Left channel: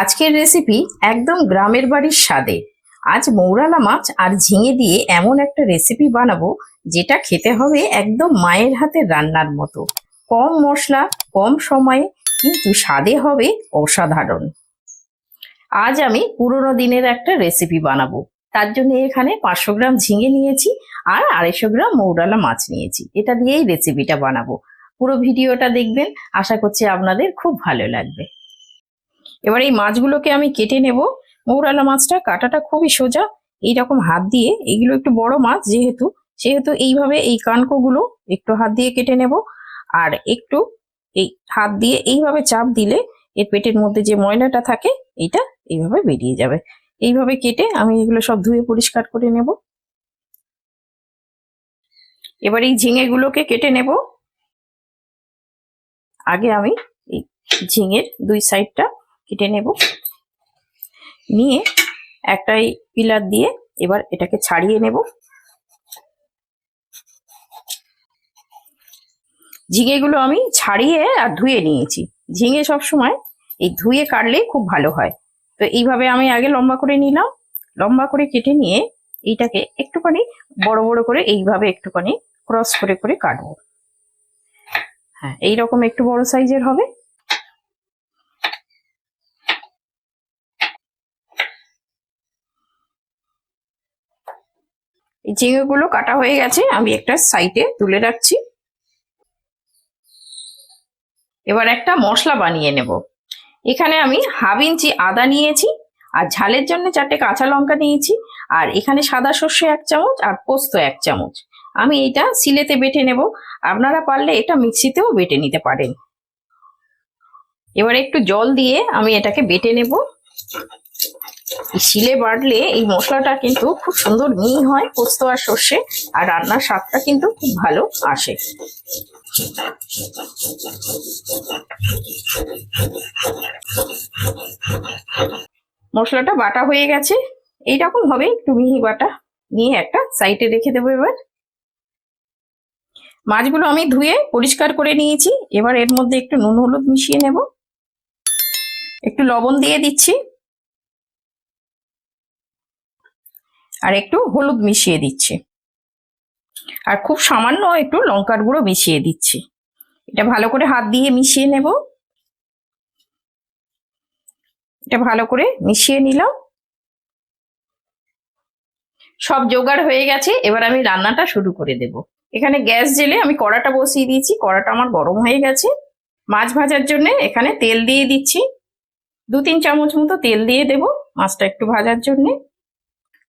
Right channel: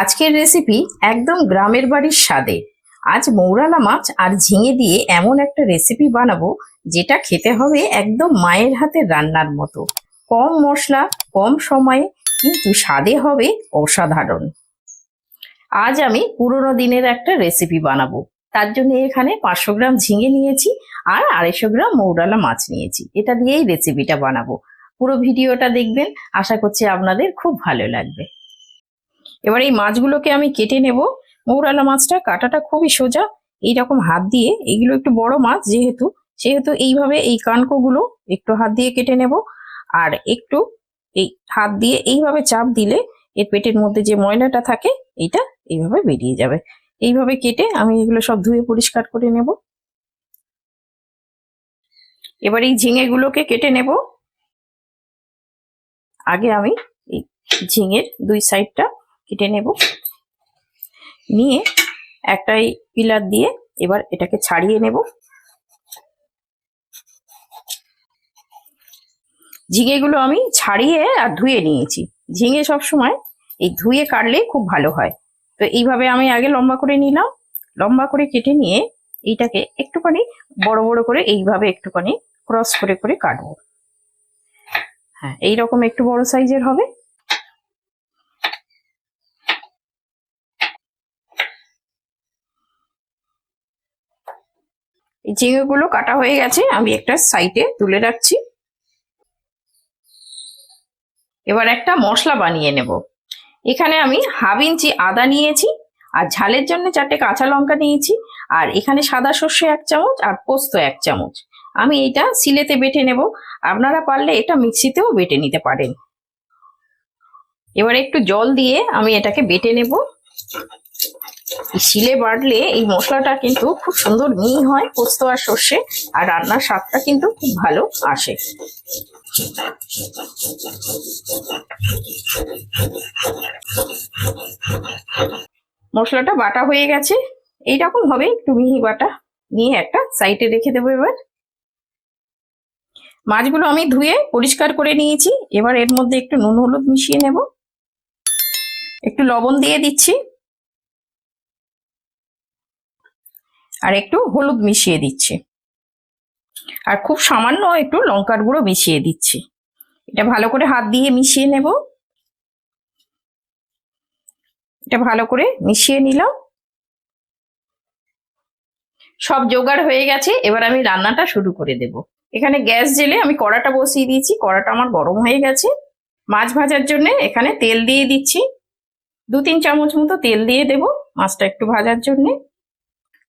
আজকের রেসিপি একদম গ্রামের বাড়ির স্বাদে। আজ মৌরালা মাছ আর ঝিঙে দিয়ে এমন একটা রেসিপি বানাবো যেটা খেতে হবে একদম মায়ের হাতের রান্নার মতো। কম মশলা, কম সময়ে, কিন্তু স্বাদে হবে অসাধারণ। আজ আমি পুরোনো দিনের একটা রেসিপি বানাবো। তার জন্য এখানে 500 গ্রাম ঝিঙে নিয়েছি আর 250 গ্রাম মৌরালা মাছ নিয়েছি। এটা দিয়েই রেসিপিটা বানাবো। পুরো ভিডিওটা দেখবেন, আশা করছি আপনাদের খুব ভালো লাগবে। এবার এই মাছগুলোকে আমি কেটে নেব। মৌরালা মাছটা কাটাটা খুবই সোজা। এইরকম হাত দিয়ে, এগুলো একটু বড় মাছ যেহেতু, সেহেতু এইভাবে এই কানকোগুলো একটু হাত দিয়ে কেটে নেব। আর একটু এই হাত দিয়ে এইভাবে চাপ দিলে এর পেটের মধ্যে যে ময়লাটা থাকে এটা এইভাবে বেরিয়ে যাবে। এইভাবে কেটে আমি এগুলো সব ধুয়ে পরিষ্কার করে নেব। এবার এই ঝিঙেগুলোকে কেটে নেব। আগে আমি এই ঝিঙের দুই সাইডটা কেটে নেব, নিয়ে একটা এই পিলার দিয়ে এবার এটাকে ছাড়িয়ে নেব। ঝিঙেগুলো আমি ছাড়িয়ে আর ধুয়ে নিয়েছি। ঝিঙে সবসময় এই ধুয়ে কাটলে খুব ভালো হয়। তো এইভাবে আমি আগে লম্বা করে নিলাম। লম্বা করে কেটে নিয়ে এইটাকে একটুখানি বড় বড় করে এইভাবে একটুখানি ক্রস করে করে কাটবো। হ্যাঁ, এইরকম একটু বড় সাইজের হবে। এই ঝিঙেগুলো কাটা হয়ে গেছে, আমি একটা সাইডে তুলে রাখছি। এবার একটা মশলা বানিয়ে নেব। এখানে আমি হাফ ইঞ্চি আদা নিয়েছি, আর ঝালের জন্য 4টে কাঁচা লঙ্কা নিয়েছি, আর এখানে সাদা সর্ষে 1 চামচ আর পোস্ত 1 চামচ। আমি এটা শিলেতে বেটে নেব। আপনারা পারলে এটা মিক্সিতেও বেটে নিতে পারেন। এবার একটু জল দিয়ে আমি এটাকে বেটে নেব। শিলে বাটলে এই মশলাটা কিন্তু খুব সুন্দর মিহি হয়, পোস্ত আর সর্ষে, আর রান্নার স্বাদটা কিন্তু খুব ভালো আসে। মশলাটা বাটা হয়ে গেছে, এইরকম হবে একটু মিহি বাটা। নিয়ে একটা সাইডে রেখে দেবো। এবার মাছগুলো আমি ধুয়ে পরিষ্কার করে নিয়েছি। এবার এর মধ্যে একটু নুন হলুদ মিশিয়ে নেব, একটু লবণ দিয়ে দিচ্ছি, আর একটু হলুদ মিশিয়ে দিচ্ছি, আর খুব সামান্য একটু লঙ্কার গুঁড়ো মিশিয়ে দিচ্ছি। এটা ভালো করে হাত দিয়ে মিশিয়ে নেব। এটা ভালো করে মিশিয়ে নিলাম। সব জোগাড় হয়ে গেছে, এবার আমি রান্নাটা শুরু করে দেব। এখানে গ্যাস জেলে আমি কড়াটা বসিয়ে দিয়েছি। কড়াটা আমার গরম হয়ে গেছে। মাছ ভাজার জন্য এখানে তেল দিয়ে দিচ্ছি। 2-3 চামচ মতো তেল দিয়ে দেব মাছটা একটু ভাজার জন্য।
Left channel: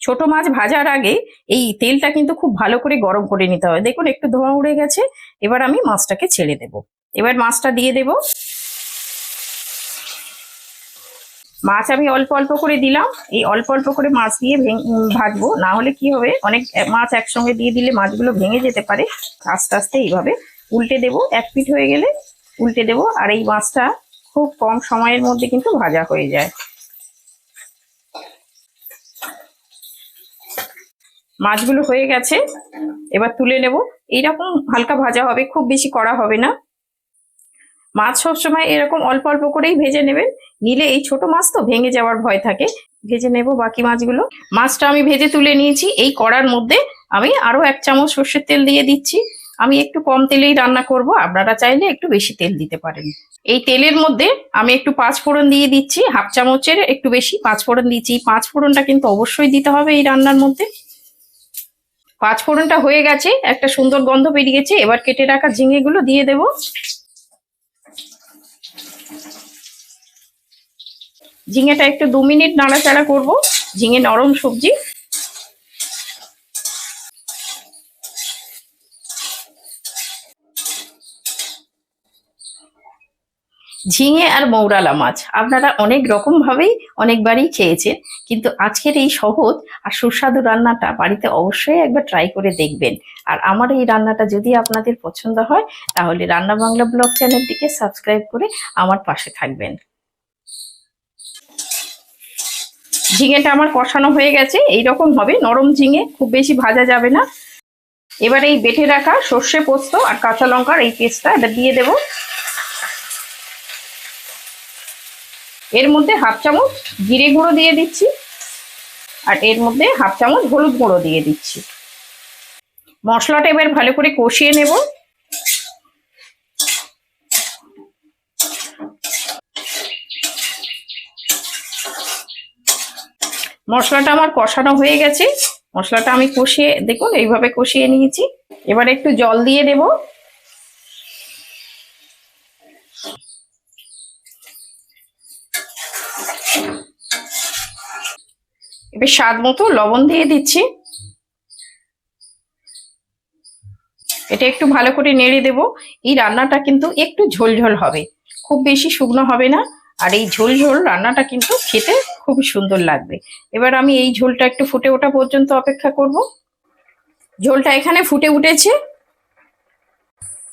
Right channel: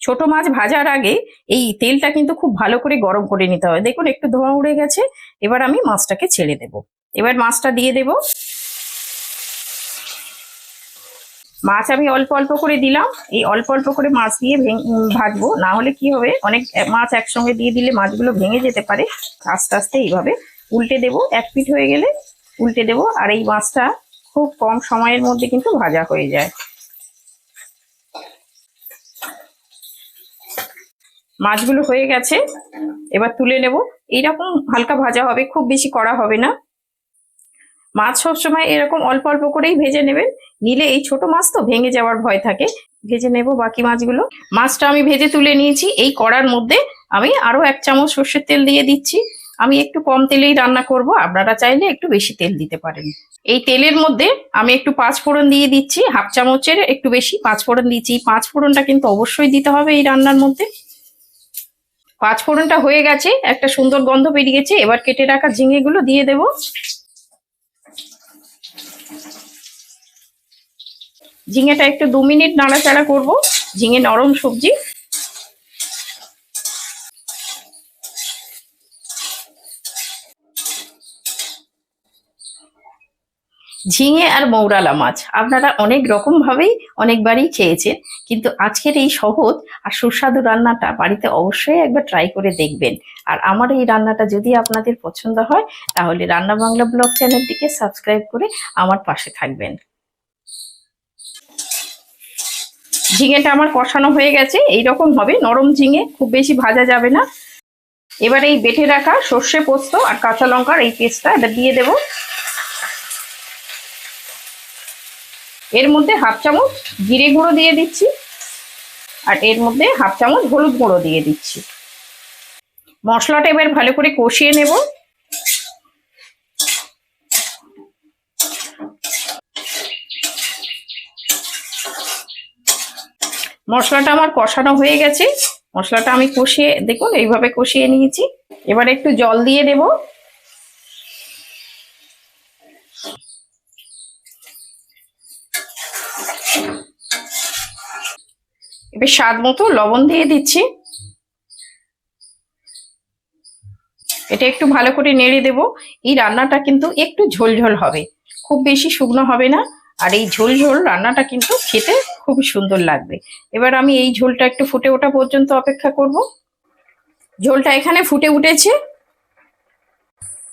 ছোট মাছ ভাজার আগে এই তেলটা কিন্তু খুব ভালো করে গরম করে নিতে হবে। দেখুন একটু ধোঁয়া উড়ে গেছে। এবার আমি মাছটাকে ছেড়ে দেব। এবার মাছটা দিয়ে দেব। মাছ আমি অল্প অল্প করে দিলাম। এই অল্প অল্প করে মাছ দিয়ে ভাজবো, না হলে কি হবে, অনেক মাছ একসঙ্গে দিয়ে দিলে মাছগুলো ভেঙে যেতে পারে। আস্তে আস্তে এইভাবে উল্টে দেব। 1 পিঠ হয়ে গেলে উল্টে দেব। আর এই মাছটা খুব কম সময়ের মধ্যে কিন্তু ভাজা হয়ে যায়। মাছগুলো হয়ে গেছে, এবার তুলে নেব। এইরকম হালকা ভাজা হবে, খুব বেশি কড়া হবে না। মাছ সবসময় এরকম অল্প অল্প করেই ভেজে নেবেন, নিলে এই ছোট মাছটা ভেঙে যাওয়ার ভয় থাকে। ভেজে নেব বাকি মাছগুলো। মাছটা আমি ভেজে তুলে নিয়েছি। এই কড়ার মধ্যে আমি আরো 1 চামচ সর্ষের তেল দিয়ে দিচ্ছি। আমি একটু কম তেলেই রান্না করব, আপনারা চাইলে একটু বেশি তেল দিতে পারেন। এই তেলের মধ্যে আমি একটু 5 ফোড়ন দিয়ে দিচ্ছি। হাফ চামচের একটু বেশি 5 ফোড়ন দিচ্ছি। এই 5 ফোড়নটা কিন্তু অবশ্যই দিতে হবে এই রান্নার মধ্যে। 5 ফোড়নটা হয়ে গেছে, একটা সুন্দর গন্ধ বেরিয়েছে। এবার কেটে রাখা ঝিঙেগুলো দিয়ে দেব। ঝিঙেটা একটু 2 মিনিট নাড়াচাড়া করব। ঝিঙে নরম সবজি। ঝিঙে আর মৌরালা মাছ আপনারা অনেক রকম ভাবেই অনেকবারই খেয়েছেন, কিন্তু আজকের এই সহজ আর সুস্বাদু রান্নাটা বাড়িতে অবশ্যই একবার ট্রাই করে দেখবেন। আর আমার এই রান্নাটা যদি আপনাদের পছন্দ হয়, তাহলে রান্না বাংলা ব্লগ চ্যানেলটিকে সাবস্ক্রাইব করে আমার পাশে থাকবেন। ঝিঙেটা আমার কষানো হয়ে গেছে, এইরকম হবে নরম ঝিঙে, খুব বেশি ভাজা যাবে না। এবার এই বেটে রাখা সর্ষে পোস্ত আর কাঁচা লঙ্কার এই পেস্টটা এটা দিয়ে দেব। এর মধ্যে হাফ চামচ জিরে গুঁড়ো দিয়ে দিচ্ছি, আর এর মধ্যে হাফ চামচ হলুদ গুঁড়ো দিয়ে দিচ্ছি। মশলাটা এবার ভালো করে কষিয়ে নেব। মশলাটা আমার কষানো হয়ে গেছে। মশলাটা আমি কষিয়ে, দেখুন এইভাবে কষিয়ে নিয়েছি। এবার একটু জল দিয়ে দেব। এবার স্বাদ মতো লবণ দিয়ে দিচ্ছি। এটা একটু ভালো করে নেড়ে দেব। এই রান্নাটা কিন্তু একটু ঝোলঝোল হবে, খুব বেশি শুকনো হবে না। আর এই ঝোল ঝোল রান্নাটা কিন্তু খেতে খুবই সুন্দর লাগবে। এবার আমি এই ঝোলটা একটু ফুটে ওঠা পর্যন্ত অপেক্ষা করব। ঝোলটা এখানে ফুটে উঠেছে।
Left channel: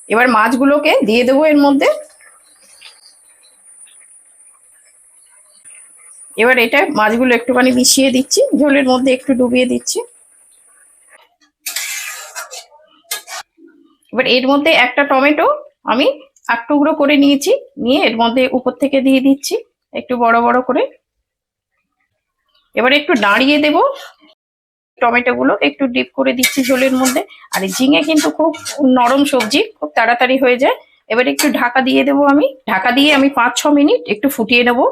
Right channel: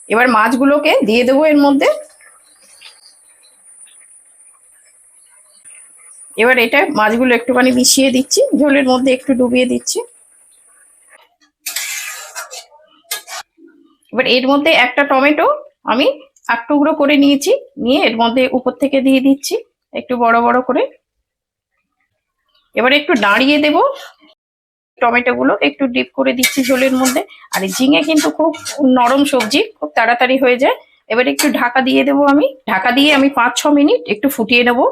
এবার মাছগুলোকে দিয়ে দেবো এর মধ্যে। এবার এটা মাছগুলো একটুখানি মিশিয়ে দিচ্ছি, ঝোলের মধ্যে একটু ডুবিয়ে দিচ্ছি। এবার এর মধ্যে একটা টমেটো আমি এক টুকরো করে নিয়েছি, নিয়ে এর মধ্যে উপর থেকে দিয়ে দিচ্ছি একটু বড় বড় করে। এবার একটু নাড়িয়ে দেব। টমেটো গুলো একটু ডিপ করে দিচ্ছি ঝোলের মধ্যে। আর ঝিঙে কিন্তু খুব নরম সবজি, খুব তাড়াতাড়ি হয়ে যায়। এবার একটু ঢাকা দিয়ে দেবো আমি। ঢাকা দিয়ে আমি 5-6 মিনিট একটু ফুটিয়ে নেবো।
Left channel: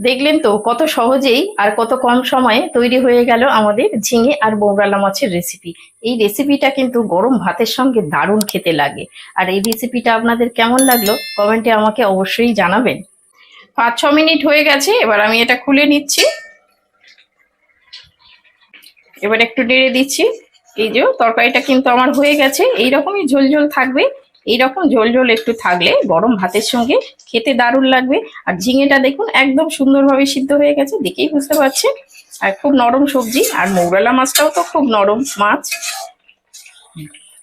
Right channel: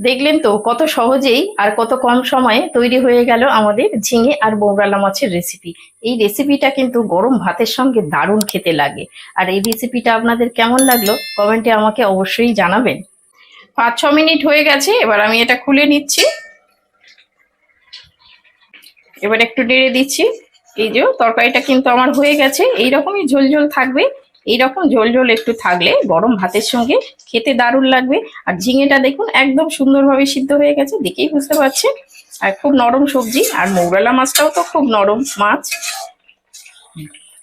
দেখলেন তো কত সহজেই আর কত কম সময়ে তৈরি হয়ে গেল আমাদের ঝিঙে আর মৌরালা মাছের রেসিপি। এই রেসিপিটা কিন্তু গরম ভাতের সঙ্গে দারুণ খেতে লাগে। আর এই রেসিপিটা আপনাদের কেমন লাগলো কমেন্টে আমাকে অবশ্যই জানাবেন। 5-6 মিনিট হয়ে গেছে, এবার আমি এটা খুলে নিচ্ছি। এবার একটু নেড়ে দিচ্ছি। এই যে তরকারিটা কিন্তু আমার হয়ে গেছে। এইরকমই ঝোল ঝোল থাকবে। এইরকম ঝোল ঝোল একটু থাকলে গরম ভাতের সঙ্গে খেতে দারুণ লাগবে। আর ঝিঙেটা দেখুন একদম সুন্দরভাবে সিদ্ধ হয়ে গেছে, দেখেই বুঝতে পারছে। আর খুব নরম সবজি, আর মৌরালা মাছটাও তো খুব নরম মাছ।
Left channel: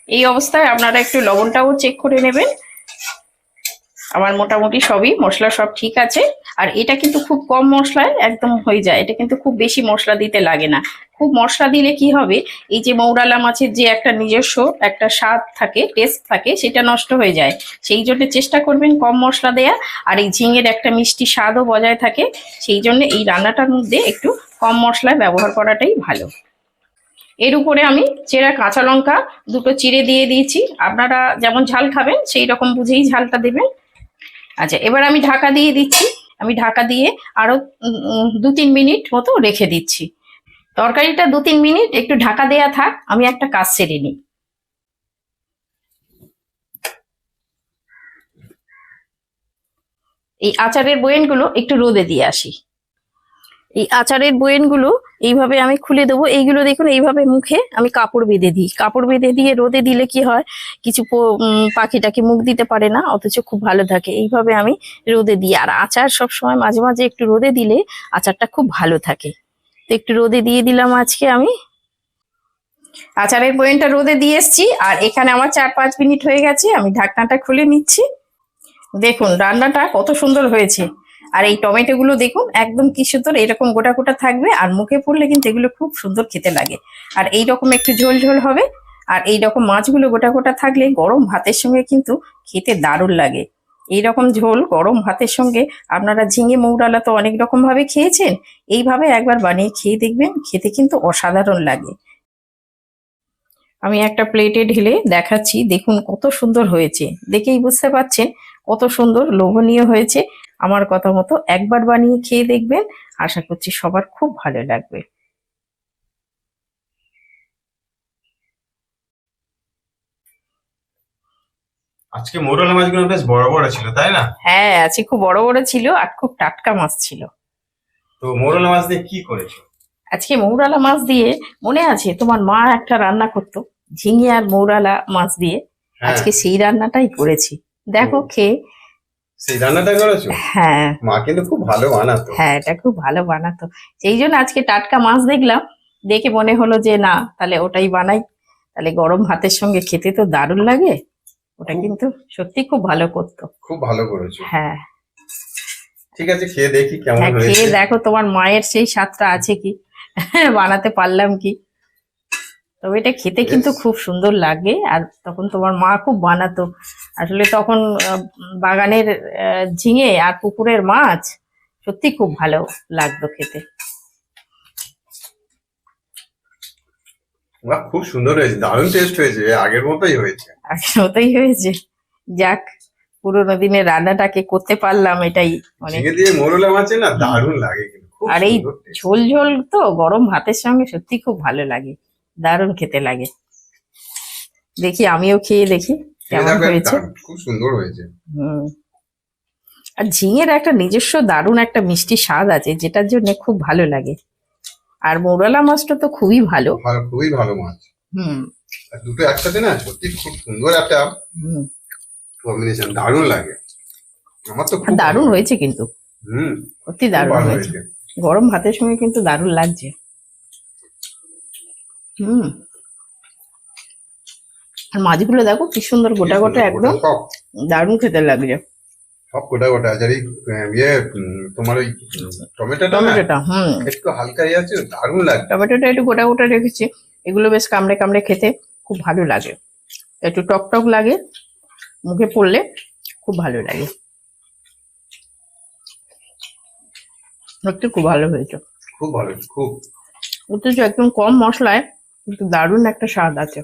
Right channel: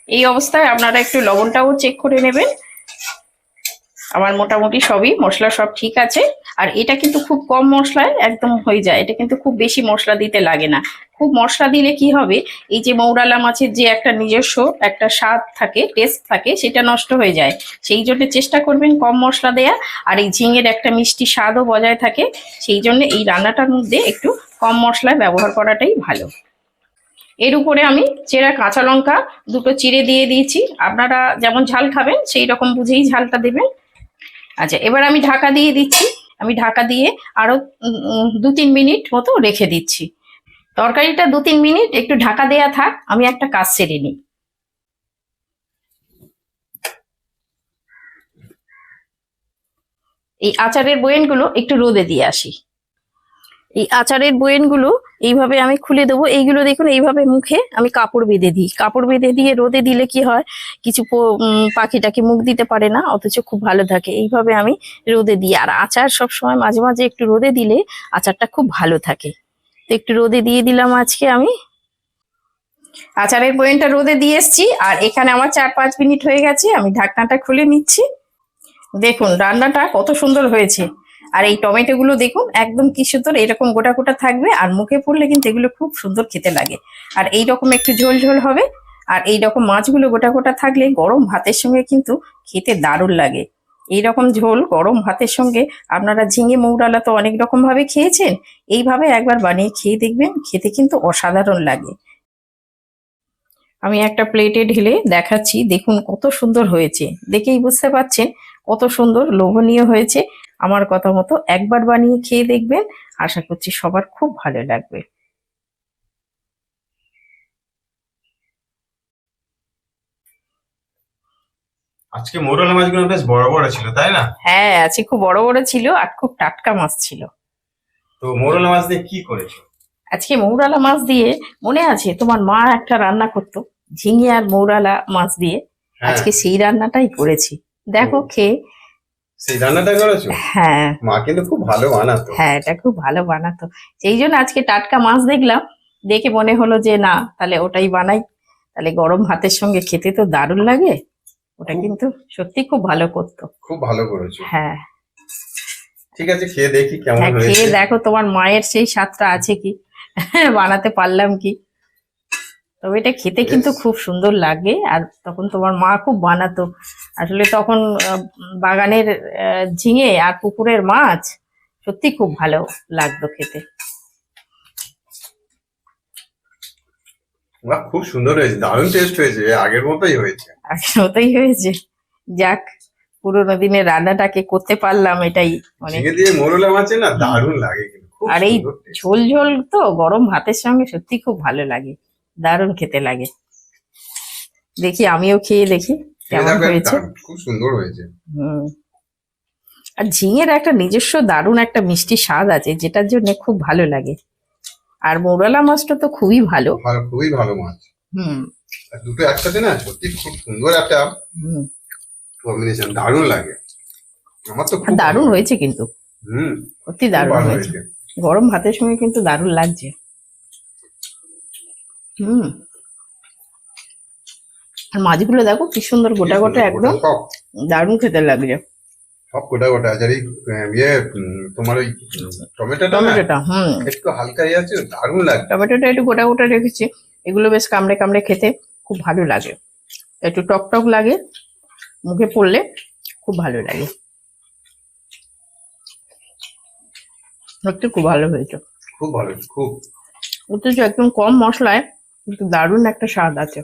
এই অবস্থায় আপনারা একটু লবণটাও চেক করে নেবেন। আমার মোটামুটি সবই মশলা সব ঠিক আছে। আর এটা কিন্তু খুব কম মশলায় একদম হয়ে যায়। এটা কিন্তু খুব বেশি মশলা দিতে লাগে না। খুব মশলা দিলে কি হবে, এই যে মৌরালা মাছের যে একটা নিজস্ব একটা স্বাদ থাকে, টেস্ট থাকে, সেটা নষ্ট হয়ে যায়। সেই জন্য চেষ্টা করবেন কম মশলা দেওয়ার। আর এই ঝিঙের একটা মিষ্টি স্বাদও বজায় থাকে। সেই জন্য এই রান্নাটার মধ্যে একটু কম মশলা ব্যবহার করাটাই ভালো। এর উপরে আমি চেরা কাঁচা লঙ্কা দুটো চিড়ে দিয়ে দিয়েছি। আপনারা যেমন ঝাল খাবেন সেই রকম বুঝেই ঝালটা দেবেন। আচ্ছা, এবার আমি ঢাকা দিয়ে দিচ্ছি। আমি ঢাকা দিয়ে আরো 2-3 মিনিট মতো রেখে দিচ্ছি। তরকারিটা 2-3 মিনিট একটু ঢাকা দেয়া থাক, আমি একটা কাজ সেরে নিই। এই আচারের বয়ামগুলো একটু রোদে দিয়ে আসি। এই আচারের বয়ামগুলো এইভাবে আমি খুলে দেবো। এইগুলো দেখুন এইভাবে মুখে আমি কাপড় বেঁধে দিই। কাপড় বেঁধে দিয়ে রোদে দিলে কি হয়, কিছু পাখিটাকে মুখ দিতে পারে না, অথচ খুব ভালো থাকে। এইভাবে আমি রোদে দিই। আর আচার সবসময় মাঝে মাঝে একটু রোদে দিলে আচারটা খুব ভালো থাকে। একটু রোদে দিয়ে দিলাম আজকে আমি। আচারের বয়ামটা রোদে দিয়ে এসছি। আর এখানে আমার 4-5 মিনিট হয়ে গেছে। আমি ঢাকনাটা খুলে নিচ্ছি। দেখুন রান্নাটা কত সুন্দর হয়েছে। আর এই টমেটো গুলো দেখুন একদম কি সুন্দর এরকম গোটা গোটা থাকবে, আর মুখে পড়লে কিন্তু এগুলো খুব সুন্দর খেতে লাগে। আর এইরকম একটু ঝোল ঝোল হবে। আর এইরকম মাছগুলো গোটা গোটা থাকলে গরম ভাতের সঙ্গে কিন্তু খেতে দারুণ লাগে। এইরকম ঝোল গরম ভাতের সঙ্গে আপনারা ঝিঙে মৌরালা তো অনেক রকম ভাবে খেয়েছেন, এইভাবে একবার বানিয়ে খেয়ে দেখবেন, খেতে কিন্তু অসাধারণ লাগে। আমি একটা প্লেটে ঢেলে দেখাচ্ছি, দেখুন কত সুন্দর হয়েছে। দেখেই বুঝতে পারছেন কত সুন্দর লোভনীয় হয়েছে। আমার কথা মতো একবার বানিয়ে খেয়ে দেখবেন, আশা করছি সবার খুব ভালো লাগবে। আজকে মৌরলা মাছগুলো বেশ বড় বড় ছিল, তাই না? হ্যাঁ, আজকে খুব বড় বড় ছিল আর খুব টাটকা মাছ ছিল। তো মৌরলা মাছ দিয়ে কি করেছো? আজকে মৌরালা মাছ দিয়ে, মনে আছে তোমার মা একটা রান্না করতো ঝিঙে আর মৌরালা মাছ দিয়ে, হ্যাঁ, আজকে সেই রান্নাটাই করেছি। দেখো ও, খেয়ে। সেই রান্নাটা করেছো? হ্যাঁ, মা কিন্তু খুব ভালো বানাতো। হ্যাঁ, এটা খুব ভালো বানাতো। সেই জন্য আজকে টাটকা মাছ দেখলাম, দেখে মনে হলো যে না তাহলে ওটাই বানাই। তাহলে গরম ভাতের সঙ্গে খেতে তো দারুণ লাগে। ওটা খুব কিন্তু সত্যি খুব ভালো করতো। খুব ভালো করেছো। হ্যাঁ, ঠিক আছে, খেয়ে দেখি কেমন হ্যাঁ, হয়েছে। খেয়ে দেখো তোমার মায়ের সেই স্বাদটা আছে কি, বানাতে পারলাম কি। তবে এটা খেতে কিন্তু Yes. খুব সুন্দর লাগে। আর তখন তোমার মা খুব বানাতো আসলে তখন বাগানের ঝিঙে আর পুকুরের মাছ সত্যি খুব ভালো লাগতো খেতে। বাহ, খুব সুন্দর হয়েছে, দারুণ টেস্ট হয়েছে, আগের মতোই হয়েছে। আগের মতোই হয়েছে। যাক, পুরোনো দিনের রান্নাটাকে করতে পারলাম, এটাই মানে। ঝিঙে দিয়ে মোরলা মাছে না দারুণ লাগে, কিন্তু খুব আর এই সুন্দর taste। ঝোল ঝোল তো গরম ভাতের সঙ্গে সত্যি খুব ভালো লাগে, দারুণ খেতে লাগে। দেখি আমিও খেয়ে দেখি খেয়ে কেমন দেখো একটা, হয়েছে। খুব সুন্দর হয়েছে। হুম। আর ঝিঙের একটা নিজস্ব দারুণ একটা মিষ্টি স্বাদ আছে, যেটার জন্য খুব ভালো লাগে। আর মৌরলা মাছটা তো খুবই ভালো। ভালো, খুবই ভালো মাছ। হুম। আর দুটো একসাথে না সত্যি খুব সুন্দর একটা হুম। কম্বিনেশন, দারুণ লাগে। আমার তো আর খুব ভালো দারুণ লাগে। হয়েছে কিন্তু, হুম। সত্যি খুব দারুণ ভালো হয়েছে। হয়েছে। গরম ভাতের সঙ্গে কিন্তু দারুণ লাগছে। হুম। আর মাছগুলো দেখো কি সুন্দর কি গোটা গোটা, সুন্দর গোটা একদম সব, দারুণ খেতে লাগছে। সব গোটা গোটা আছে। আর এই তোমার ওই টমেটোটা না টমেটোটা, হুম, একটু হালকা ইয়ে আছে, দারুণ লাগছে। টমেটোটা একটু গোটা গোটা রেখেছি। এগুলো বেশ কামড়ে কামড়ে খেতে খুব ভালো লাগে, একটু টক টক লাগে, মুখে পড়লে খুব ভালো লাগে। সত্যি খুব ভালো হয়েছে। খুব ভালো, খুব। অথচ একদম কম মশলায় কিন্তু দারুণ একটা স্বাদ আছে।